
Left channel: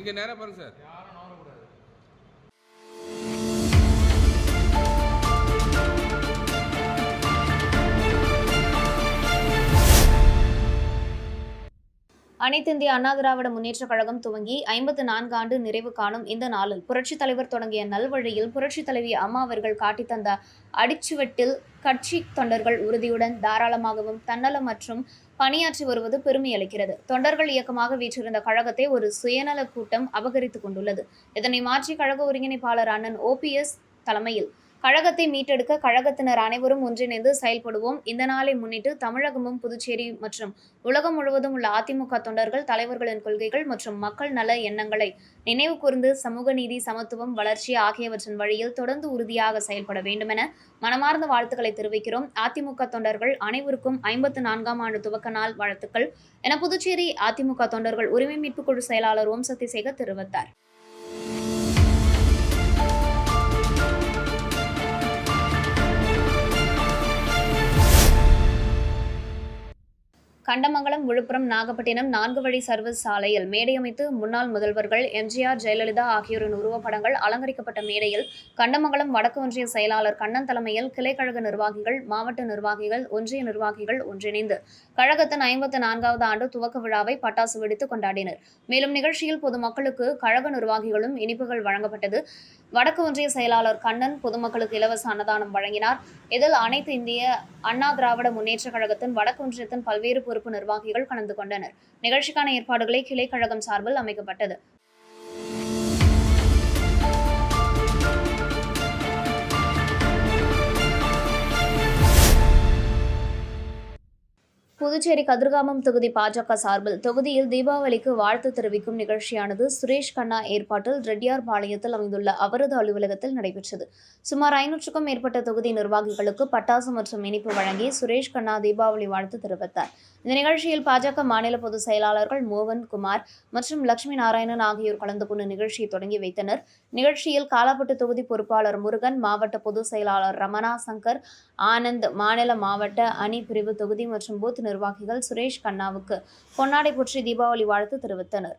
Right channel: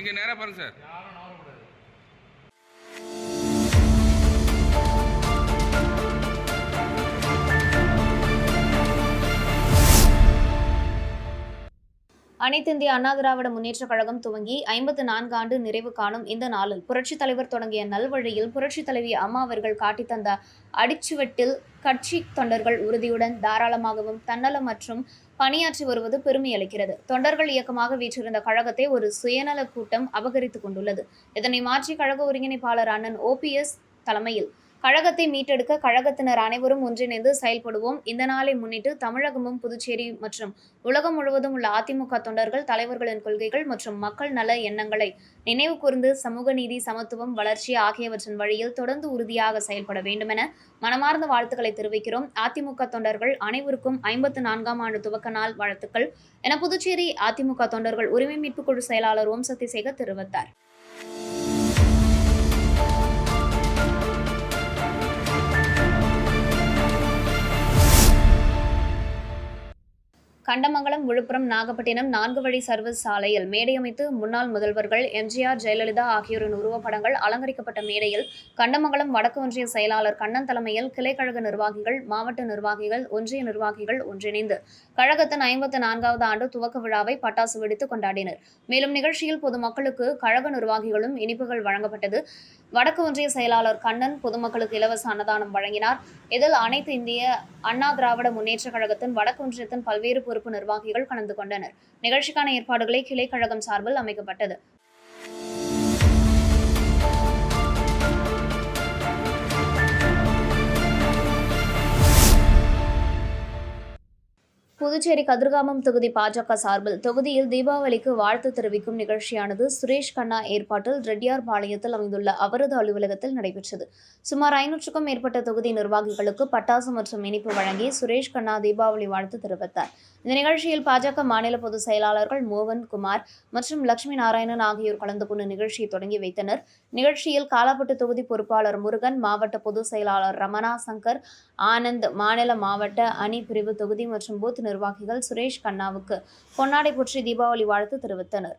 இங்கே நேராக பாருங்க சார். அனைத்து இந்திய அண்ணா திராவிட முன்னேற்றக் கழகம் துவங்கி 54 ஆண்டு நிறைவு காணும் இந்த நாளில் புரட்சித் தலைவர் தொடங்கிய நல்வழியில் புரட்சித் தலைவி அம்மா அவர்கள் காட்டித் தந்த அடிச்சுவட்டில் கட்சி தொண்டர்கள் உறுதியுடன் தாராளமாகவும் தன்னலமற்றும் பணியாற்றி வருவது பெருமை அளிக்கிறது. தொண்டர்கள் இயக்கமாக வீற்றிருந்த கழகத்தை ஒரு சுயநல கூட்டம் அபகரித்துக் கொண்டுள்ளது. இதனை மாற்றி கழக ஒருங்கிணைப்பாளர் அண்ணன் OPS தலைமையில் கழகத்தை மீட்டெடுக்க கழகத்தினர் அனைவரும் ஒன்றிணைந்து செயல்படுவோம். இந்த நாளை முன்னிட்டு தமிழகமும் புதுச்சேரி மற்றும் உலகம் முழுவதும் உள்ள அதிமுக தொண்டர்கள் தலைவர்களின் கொள்கைகள் மற்றும் மக்கள் நல எண்ணங்களை நினைவு கூர்ந்து சமூக நீதி, சமத்துவம், வளர்ச்சி ஆகியவற்றின் வழியில் தொடர்ந்து உறுதியாக செயல்பட வேண்டுமென மனமார்ந்த வாழ்த்துக்களை தெரிவிக்கிறோம். அதிமுக தொண்டர்கள் அனைவருக்கும் 54ஆம் ஆண்டு துவக்க நாள் வாழ்த்துக்கள் என புதுச்சேரி அதிமுக தொண்டர்கள் உரிமை மீட்புக் குழு செயலாளர் ஓம் சக்திசேகர் தெரிவித்தார். கண்டமங்கலம், விழுப்புரம், நாகப்பட்டினம் 4 வழி சர்வீஸ் சாலையில் மேடையமைத்து முன்னாள் முதல்வர்கள் MGR, ஜெயலலிதா ஆகியோரின் உருவப்படங்கள் அலங்கரிக்கப்பட்ட மேடையில் கண்டமங்கலம் வடக்கு ஒன்றிய செயலாளர் கண்ணன் தலைமையில் கிளைக்கழக நிர்வாகிகள், மாவட்ட நிர்வாகிகள், ஒன்றிய நிர்வாகிகள் ஒன்றிணைந்து கழகத்தின் 54வது ஆண்டு துவக்க விழாவை பட்டாசு வெடித்து கொண்டாடினர். மேலும் நிகழ்ச்சியில் பொதுமக்களுக்கு கழக நிர்வாகிகளும் இனிப்புகள் வழங்கப்பட்டது. வடக்கு ஒன்றிய செயலாளர் கண்ணன் பொதுமக்களுக்கு இலவச அன்னதானம் வழங்கினார். இதில் அனைத்து இந்திய அண்ணா திராவிட முன்னேற்றக் கழகத்தின் வடக்கு ஒன்றியத்தின் பல்வேறு பொறுப்பு நிர்வாகிகள் கலந்து கொண்டனர். நிகழ்ச்சிக்கான ஏற்பாடுகளை கிளை கழகம் சார்பில் அமைக்கப்பட்டது. புதுச்சேரி கதிர்காமம் தொகுதி பாஜக சார்பில் தொகுதியில் தீபாவளிக்கு வாழ்த்து தெரிவிக்கும் நிகழ்ச்சியானது சுரேஷ் கண்ணா ஏற்பாட்டில் ரெட்டியார்பாளையத்தில் அமைந்துள்ள அவரது அலுவலகத்தில் நடைபெற்றது. சுமார் 500க்கும் மேற்பட்ட தொகுதி நிர்வாகிகளுக்கு பட்டாசு மற்றும் இனிப்பு வழங்கி சுரேஷ் கண்ணா தீபாவளி வாழ்த்து தெரிவித்தார். இந்த நிகழ்ச்சியில் பாஜக மாநில பொதுச் செயலாளர்கள் மோகன் குமார் மற்றும் லட்சுமி நாராயணன் ஆகியோர் கலந்து கொண்டு நிகழ்ச்சியை தொடங்கி வைத்தனர். நிகழ்ச்சியில் காலாப்பட்டு தொகுதி பொறுப்பாளர் முருகன், மாவட்ட பொதுச் செயலாளர் ரமணா சங்கர், ஆனந்த், மாநில மாவட்ட அணி பிரிவு தொகுதி மற்றும் பூத் நிர்வாகிகள் சுரேஷ் கண்ணாவுக்கு பொன்னாடை போற்றி தீபாவளி வாழ்த்து தெரிவித்தனர்.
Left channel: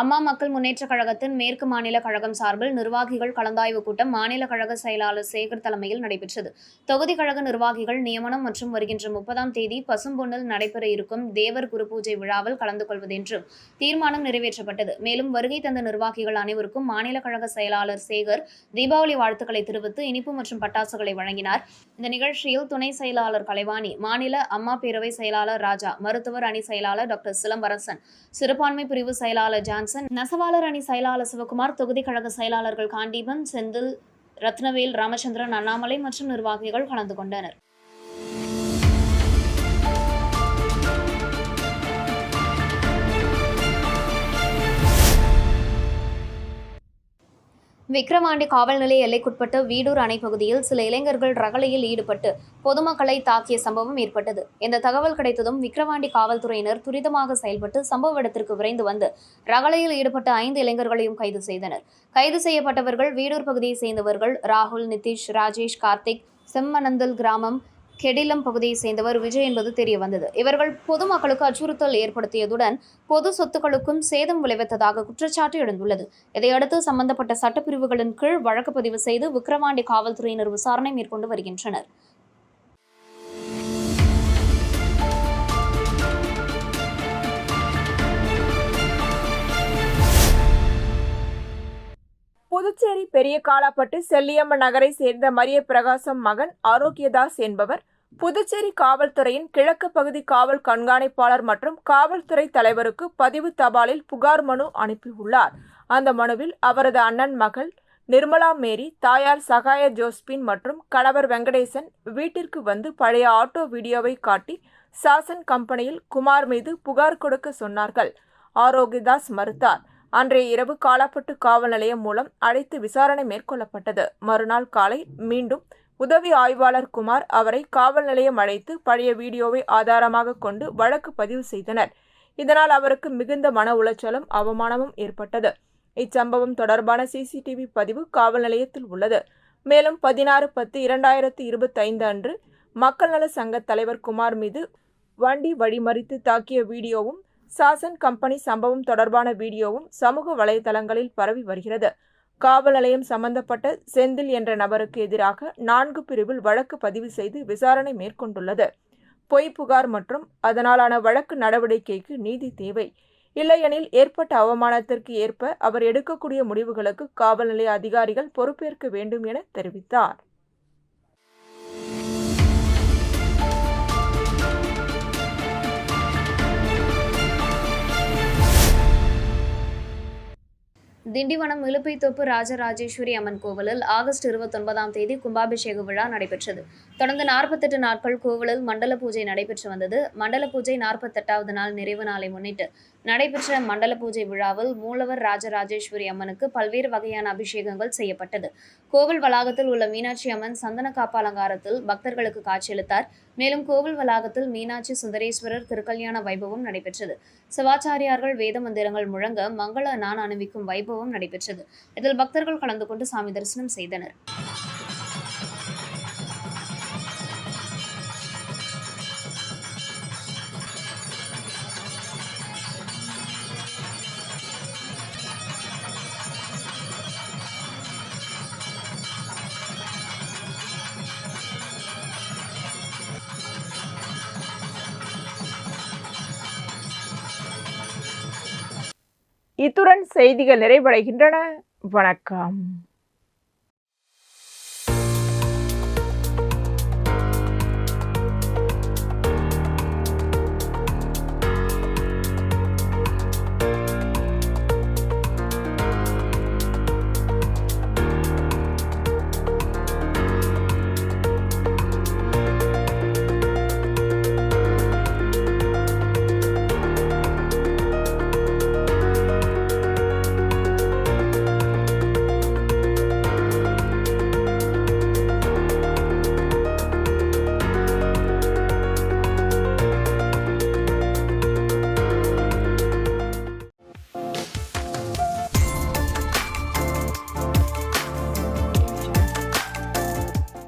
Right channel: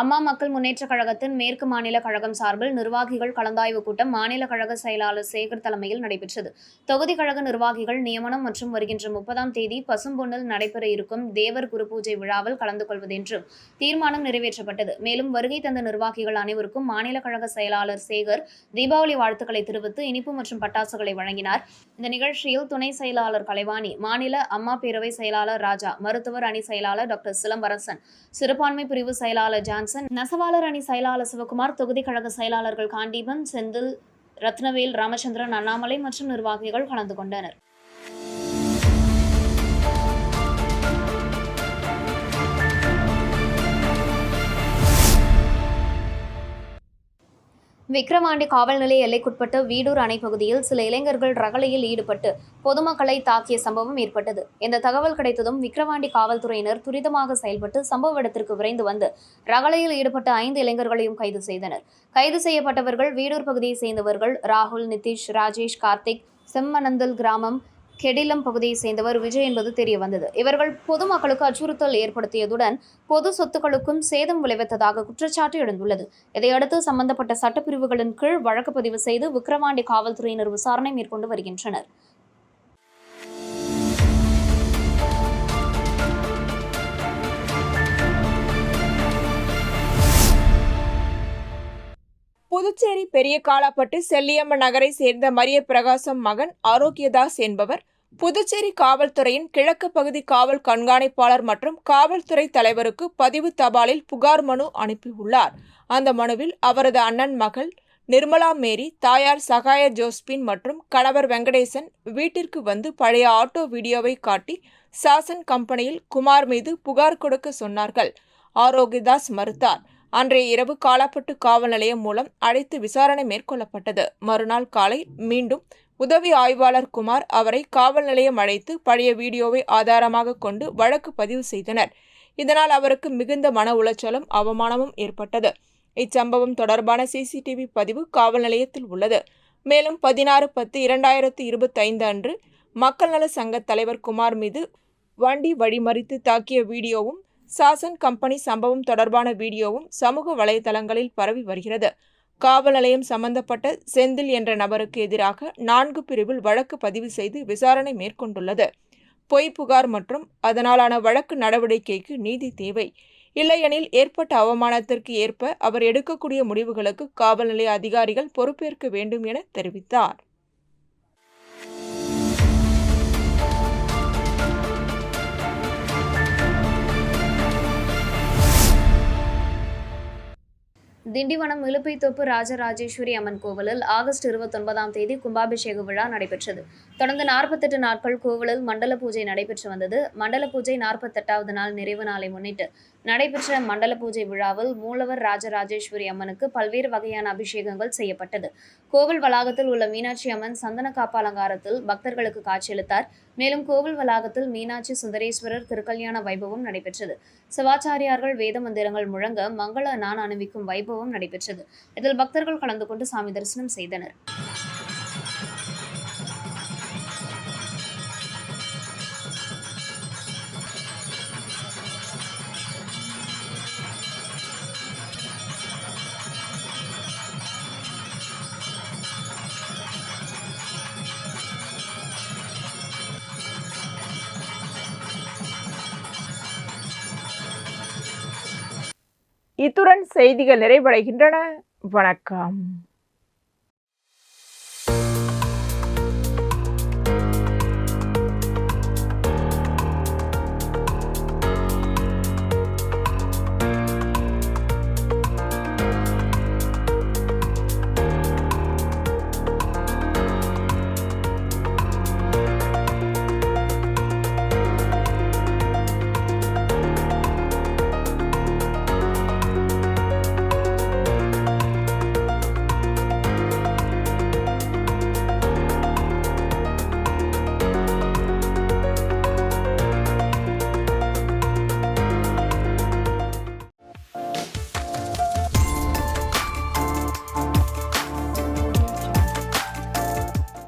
அம்மா மக்கள் முன்னேற்றக் கழகத்தின் மேற்கு மாநில கழகம் சார்பில் நிர்வாகிகள் கலந்தாய்வு கூட்டம் மாநில கழக செயலாளர் சேகர் தலைமையில் நடைபெற்றது. தொகுதி கழக நிர்வாகிகள் நியமனம் மற்றும் வருகின்ற 30ஆம் தேதி பசும்பொன்னில் நடைபெற இருக்கும் தேவர் குரு பூஜை விழாவில் கலந்து கொள்வதென்றும் தீர்மானம் நிறைவேற்றப்பட்டது. மேலும் வருகை தந்த நிர்வாகிகள் அனைவருக்கும் மாநில கழக செயலாளர் சேகர் தீபாவளி வாழ்த்துக்களை தெரிவித்து இனிப்பு மற்றும் பட்டாசுகளை வழங்கினார். இந்த நிகழ்ச்சியில் துணை செயலாளர் கலைவாணி, மாநில அம்மா பேரவை செயலாளர் ராஜா, மருத்துவர் அணி செயலாளர் டாக்டர் சிலம்பரசன், சிறுபான்மை பிரிவு செயலாளர் ஜான்சன், நெசவாளர் அணி செயலாளர் சிவகுமார், தொகுதி கழக செயலாளர்கள் காண்டீபன், செந்தில், ரத்னவேல், ராமச்சந்திரன், அண்ணாமலை மற்றும் நிர்வாகிகள் கலந்து கொண்டனர். விக்கிரவாண்டி காவல் நிலைய எல்லைக்குட்பட்ட வீடூர் அணை பகுதியில் சில இளைஞர்கள் ரகளையில் ஈடுபட்டு பொதுமக்களை தாக்கிய சம்பவம் ஏற்பட்டது. இந்த தகவல் கிடைத்ததும் விக்கிரவாண்டி காவல்துறையினர் துரிதமாக செயல்பட்டு சம்பவ இடத்திற்கு விரைந்து வந்து ரகளையில் ஈடுபட்ட 5 இளைஞர்களையும் கைது செய்தனர். கைது செய்யப்பட்டவர்கள் வீடூர் பகுதியை சேர்ந்தவர்கள் ராகுல், நிதிஷ், ராஜேஷ், கார்த்திக், செம்மனந்தல் கிராமம் கெடிலம் பகுதியை சேர்ந்தவர் விஜய் என்பது தெரிய வந்தது. இவர்கள் பொதுமக்களுக்கு அச்சுறுத்தல் ஏற்படுத்தியதுடன் பொது சொத்துக்களுக்கும் சேதம் விளைவித்ததாக குற்றச்சாட்டு எழுந்துள்ளது. இதையடுத்து சம்பந்தப்பட்ட சட்டப்பிரிவுகளின் கீழ் வழக்கு பதிவு செய்து விக்கிரவாண்டி காவல்துறையினர் விசாரணை மேற்கொண்டு வருகின்றனர். புதுச்சேரி பெரிய காலாப்பட்டு செல்லியம்மன் நகரை சேர்ந்த மரிய பிரகாசம் மகன் ஆரோக்கியதாஸ் என்பவர் புதுச்சேரி காவல்துறையின் கிழக்கு பகுதி காவல் கண்காணிப்பாளர் மற்றும் காவல்துறை தலைவருக்கு பதிவு தபாலில் புகார் மனு அனுப்பியுள்ளார். அந்த மனுவில் அவரது அண்ணன் மகள் நிர்மலா மேரி, தாயார் சகாய ஜோஸ்பின் மற்றும் கணவர் வெங்கடேசன் வீட்டிற்கு வந்து பழைய ஆட்டோ வீடியோவை காட்டி சாசன் கம்பெனியில் குமார் மீது புகார் கொடுக்க சொன்னார்கள். ஆரோக்கியதாஸ் மறுத்தார். அன்றைய இரவு காலாப்பட்டு காவல் நிலையம் மூலம் அழைத்து விசாரணை மேற்கொள்ளப்பட்டது. மறுநாள் காலை மீண்டும் உதவி ஆய்வாளர் குமார் அவரை காவல் நிலையம் அழைத்து பழைய வீடியோவை ஆதாரமாக கொண்டு வழக்கு பதிவு செய்தனர். இதனால் அவருக்கு மிகுந்த மன உளைச்சலும் அவமானமும் ஏற்பட்டது. இச்சம்பவம் தொடர்பான சிசிடிவி பதிவு காவல் நிலையத்தில் உள்ளது. மேலும் 16/10/2025 அன்று மக்கள் நல சங்க தலைவர் குமார் மீது வண்டி வழிமறித்து தாக்கிய வீடியோவும் சாசன் கம்பெனி சம்பவம் தொடர்பான வீடியோவும் சமூக வலைதளங்களில் பரவி வருகிறது. காவல் நிலையம் சம்பந்தப்பட்ட செந்தில் என்ற நபருக்கு எதிராக 4 பிரிவில் வழக்கு பதிவு செய்து விசாரணை மேற்கொண்டுள்ளது. பொய் புகார் மற்றும் அதனாலான வழக்கு நடவடிக்கைக்கு நீதி தேவை. இல்லையெனில் ஏற்பட்ட அவமானத்திற்கு ஏற்ப அவர் எடுக்கக்கூடிய முடிவுகளுக்கு காவல் நிலைய அதிகாரிகள் பொறுப்பேற்க வேண்டும் என தெரிவித்தார். திண்டிவனம் இலுப்பைத்தோப்பு ராஜராஜேஸ்வரி அம்மன் கோவிலில் ஆகஸ்ட் 29ஆம் தேதி கும்பாபிஷேக விழா நடைபெற்றது. தொடர்ந்து 48 நாட்கள் கோவிலில் மண்டல பூஜை நடைபெற்று வந்தது. மண்டல பூஜை 48வது நாள் நிறைவு நாளை முன்னிட்டு நடைபெற்ற மண்டல பூஜை விழாவில் மூலவர் ராஜராஜேஸ்வரி அம்மனுக்கு பல்வேறு வகையான அபிஷேகங்கள் செய்யப்பட்டது. கோவில் வளாகத்தில் உள்ள மீனாட்சி அம்மன் சந்தன காப்பு அலங்காரத்தில் பக்தர்களுக்கு காட்சியளித்தார். மேலும் கோவில் வளாகத்தில் மீனாட்சி சுந்தரேஸ்வரர் திருக்கல்யாண வைபவம் நடைபெற்றது. சிவாச்சாரியார்கள் வேத மந்திரங்கள் முழங்க மங்கள நான் அணிவிக்கும் வைபவம் நடைபெற்றது. இதில் பக்தர்கள் கலந்து கொண்டு சாமி தரிசனம் செய்தனர். இத்துடன் செய்திகள் நிறைவடைகின்றன. வணக்கம்.